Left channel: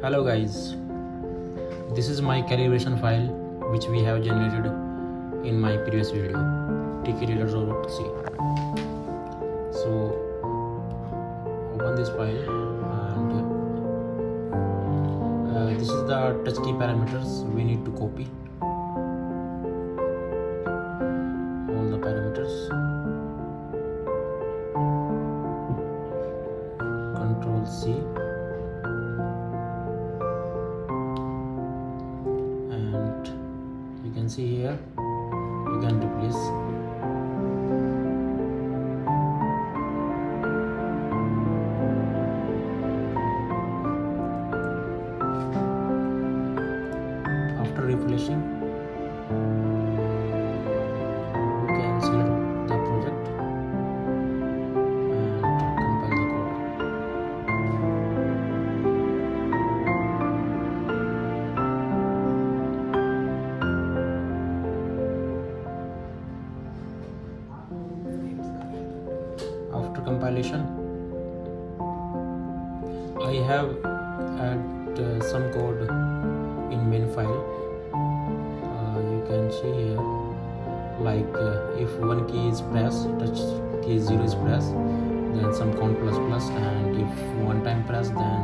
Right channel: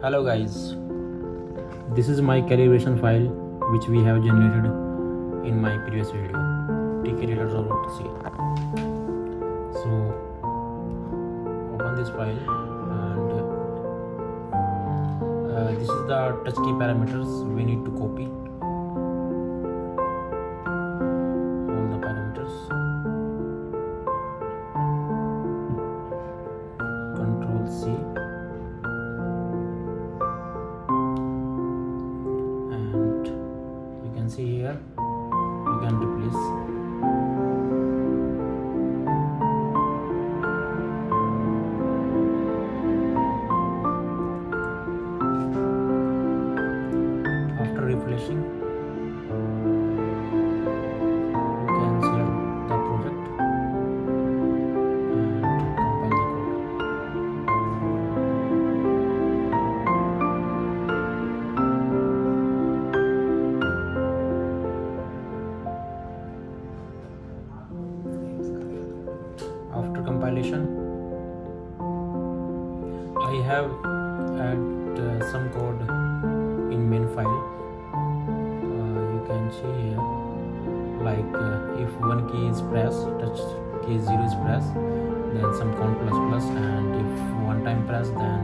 Hello guys, this is my calibration file which we have generated in my previous video, tkreader.c. So open this file and this is the touch key parameters we need to copy. All the parameters, Control C. You can see here you can replace. After replacing, you can select the project and compile the code. After compilation, I have add some code in main file. You can see here, like if one key is pressed, touch key 0 is pressed, then some count plus plus, and if one time pressed, then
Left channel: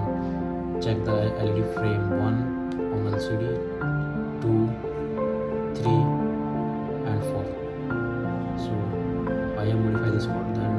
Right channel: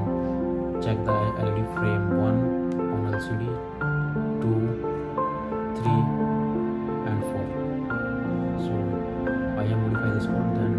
check the LED frame 1 on LCD, 2, 3 and 4. So I have modified this code, then